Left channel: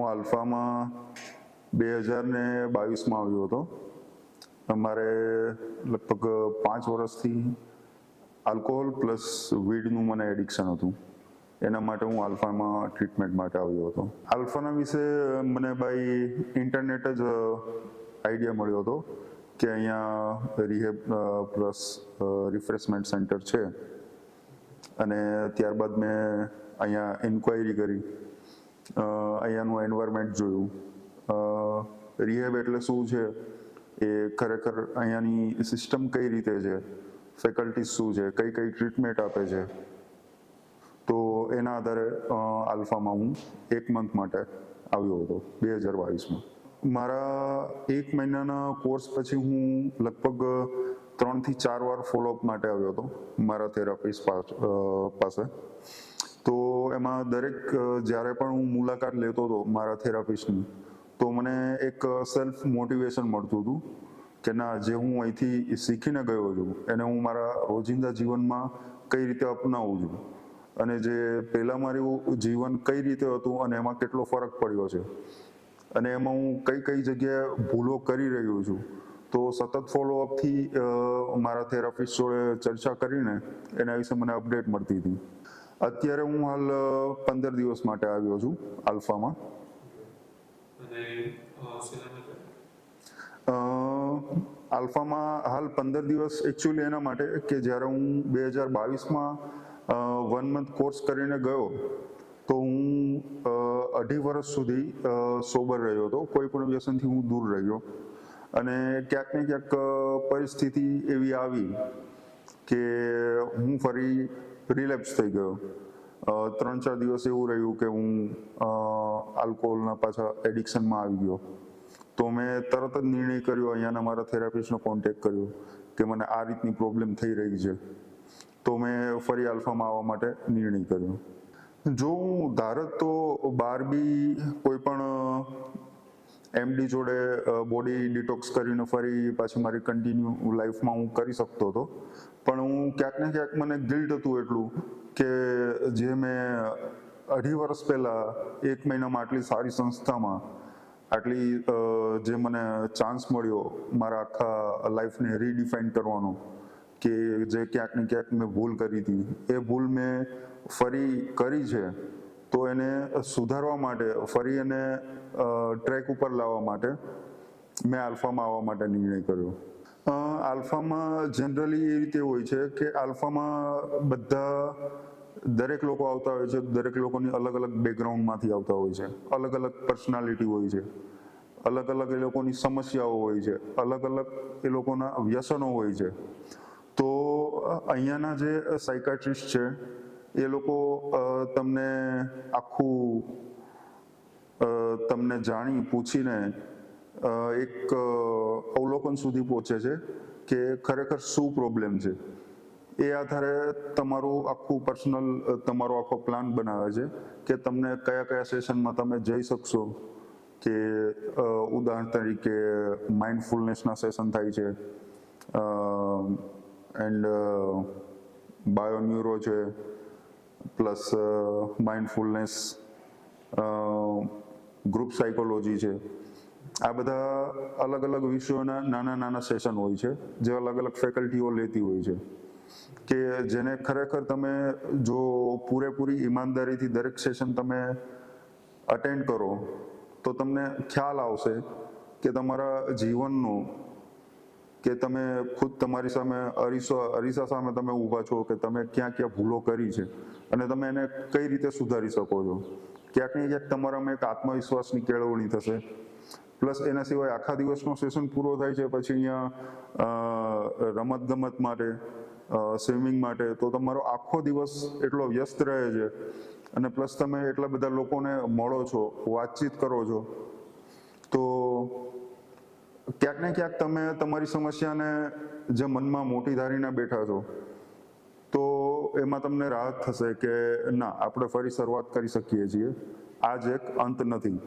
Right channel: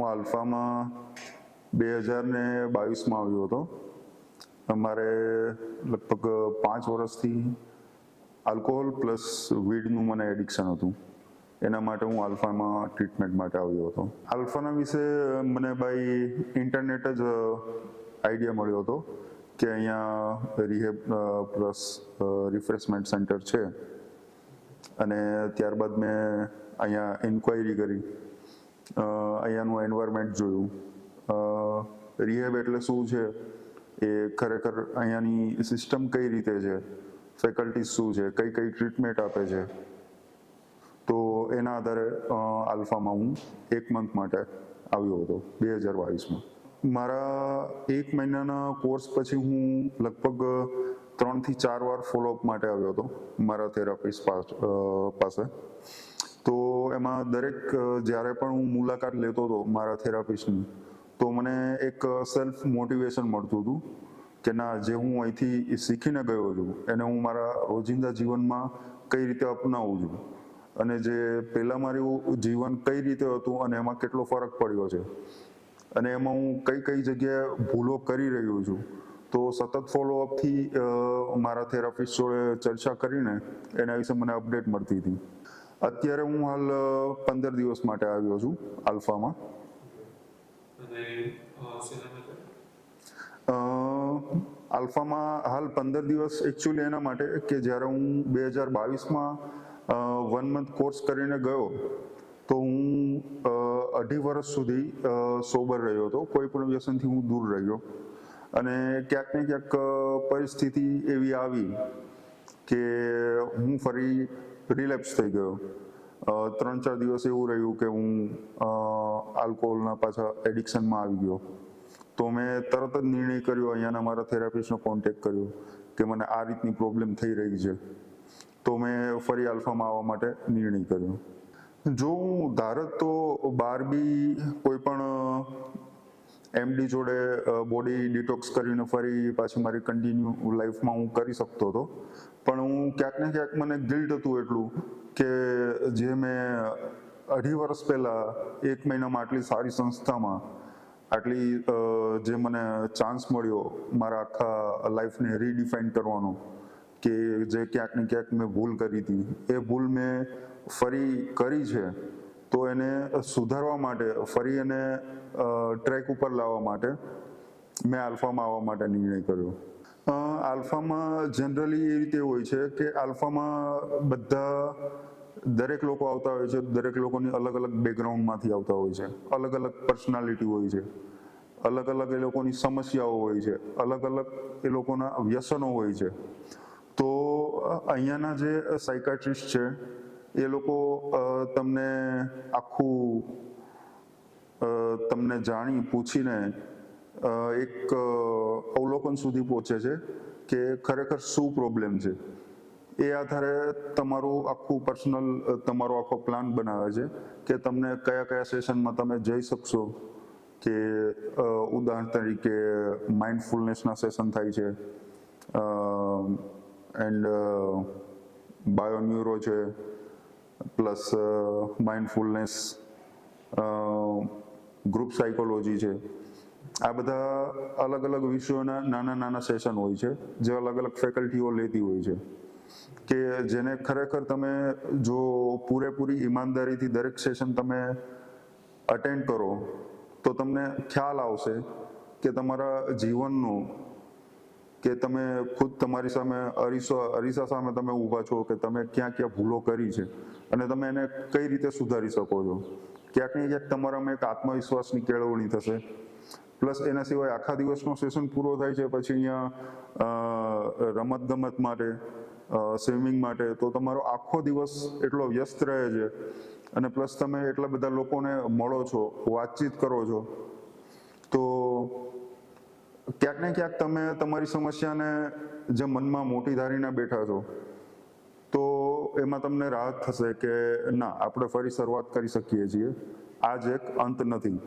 હું આલ્ફામાં 2022માં આવ્યો હતો. અમારે લગભગ 5 વર્ષથી આલ્કોહોલ પ્લસ વીડનું મને એડિક્શન હતું. એના માટે હું આલ્ફામાં ટ્રીટમેન્ટ માટે આવ્યો હતો. આલ્ફાના વિશે મને બાય ઇન્ટરનેટ જ આઈડિયા મળ્યો હતો કે અહીંયા રિહેબ પ્લસ રિફ્રેશમેન્ટ સેન્ટર છે, અને ત્યારબાદ મેં અહીંયા ઇન્ક્વાયરી કરી, અહીંયાનું એન્વાયરમેન્ટ જોયું. રિહેબ એટલે શું છે, એ ખરેખર અહીંયાની સિસ્ટમ કઈ રીતે છે, ફેકલ્ટીઝ શું છે, કઈ કઈ ટ્રીટમેન્ટ આપે છે. તો એના આધારે આલ્ફામાં હું 1 મંથ માટે આવ્યો હતો 2022માં. મારા 1 મહિનાના કોર્સ પછી હું લગભગ 3 થી 4 વાર ફોલોઅપ માટે આવ્યો હતો મારા થેરાપિસ્ટ પાસે. તો એમાં દરેક જ્યારે પણ હું મુલાકાત લેતો હતો મારા થેરાપિસ્ટની, તો મને એક સેલ્ફ મોટિવેશન મળતું હતું કે ના, જે હું અહીંથી શીખીને ગયો છું એને હું મારા રોજિંદા જીવનમાં કઈ રીતે અપનાવું છું, અને જે પહેલાં મારું જીવન કઈ રીતે હતું અને એમાં કેટલો ફરક પડ્યો છે, અને એમાં હું કઈ કઈ જગ્યાએ ભૂલો કરી રહ્યો છું. તો સતત ફોલોઅપથી મારા થેરાપિસ્ટ જોડે ચર્ચા કરીને એના વિશે મને અપડેટ મળતી હતી. અત્યારે હું હાલ 15 દિવસ માટે આવ્યો છું આલ્ફામાં. આલ્ફામાં હાલ 15 દિવસ એકચ્યુઅલી એના માટે કે જ્યારે હું 2022માં 1 મંથ કોર્સ કરીને ગયો, તો હું 2.5 વર્ષ સુધી સોબર રહ્યો હતો. કોઈ પણ વ્યસનથી હું દૂર રહ્યો, અને ક્યાંક ને ક્યાંક પરિસ્થિતિ એવી આવી કે હું ફરી રિલેપ્સ થઈ ગયો. 3-4 દિવસ એવું રહ્યું કે હું આલ્કોહોલના પાછા એડિક્શનમાં આવી ગયો. તો મેં તરત જ નિર્ણય કર્યો, અહીંયાના મારા થેરાપિસ્ટનો કોન્ટેક્ટ કર્યો કે મને આ રીતની પ્રોબ્લેમ થઈ રહી છે. તો મેં ફરી આલ્ફામાં આવવા માટે નિર્ણય કર્યો. જો હું ધારત તો બહાર બી કોઈ પણ એમડી જોડે બોડી ડિટોક્સ કરીને ફરી પાછી મારી કન્ટિન્યુ લાઈફમાં હું કરી શકતો હતો, પણ હું ક્યાંક ને ક્યાંક મને ગિલ્ટ હતું એટલું કે જે મેં 2.5 વર્ષ પહેલાં 1 મહિનામાં આટલી સારી સંસ્થામાં આટલી જે મને ચાન્સ મળ્યો મારા આખા લાઈફને રીડિફાઇન કરવાનો, કે જે ક્યાંક ને ક્યાંક મેં ભૂલ કરી હતી, એ ભૂલ મેં ફરી કરી છે. તો એને સુધારવા માટે, ફરી એને ટ્રેક ઉપર લાવવા માટે મેં આલ્ફામાં આવવા માટે નિર્ણય કર્યો. આલ્ફામાં જનરલી એ રીતે હોય છે કે આલ્ફામાં દરેક લોકો આવતા હોય છે. દરેક લોકોની અલગ અલગ બેકગ્રાઉન્ડમાંથી આવતા હોય છે, અલગ અલગ પર્સનાલિટી હોય છે, અલગ અલગ એ લોકોની સમસ્યાઓ હોય છે, અલગ અલગ એ લોકોના વ્યસનો હોય છે. તો અહીંયાના જે સાયકાટ્રિસ્ટ છે એ લોકો તમને આખું તમને જાણી પૂછીને એક અવલોકન સુધી પહોંચે છે કે ખરેખર શું પ્રોબ્લેમ છે. એ આધારે તમારું આખું પર્સનલ તમારો આખો પ્લાન બનાવે છે કે તમને કયા કયા સેશનમાં તમે જઈ શકશો. કે ઉદાહરણ તરીકે માઇન્ડફુલનેસના સેશન થાય છે, એન્ડ બાયોન્યુરો છે, પ્લસ માઇન્ડફુલનેસ, ગ્રુપ સાયકોલોજી છે. આ બધા અલગ અલગ વિષયોના નાના નાના સેશન હોય છે જે અલગ અલગ ફેકલ્ટીઓ લેતી હોય છે, કે જેને ખરેખર તમે જો પૂરેપૂરી ઈમાનદારીથી દરેક સેશન તમે અટેન્ડ કરો તો તમને ખ્યાલ આવશે કે તમારા જીવનનું, કે તમે ખુદ તમારી સામે અરીસા સામે તમે ઊભા છો કે તમે ક્યાં ક્યાં ભૂલો કરી છે અને તમે એને કઈ રીતે સુધારી શકો છો. ક્યાંક ને ક્યાંક તમારામાં એક આત્મવિશ્વાસની કેળવણી થશે. પ્લસ એના સિવાય આખા દિવસનો સેશન પૂરો થાય છે પછી અહીંયા રમત ગમત માટે, સ્વિમિંગ માટે, તો તમારો આખો દિવસ એટલો વ્યસ્ત રહે છે, અને પ્લસ તમે એટલા બધા લોકોને મળો છો, વાતચીત કરો છો, તો ક્યાંક ને ક્યાંક તમે તમારી સમસ્યાને જે મનમાં મોટી ધારીને બેઠા છો, તો એમાં તમને રાહત થશે કે ના, આપણે ફરી શરૂઆત કરી શકીએ છીએ. આ જ એક અંત નથી.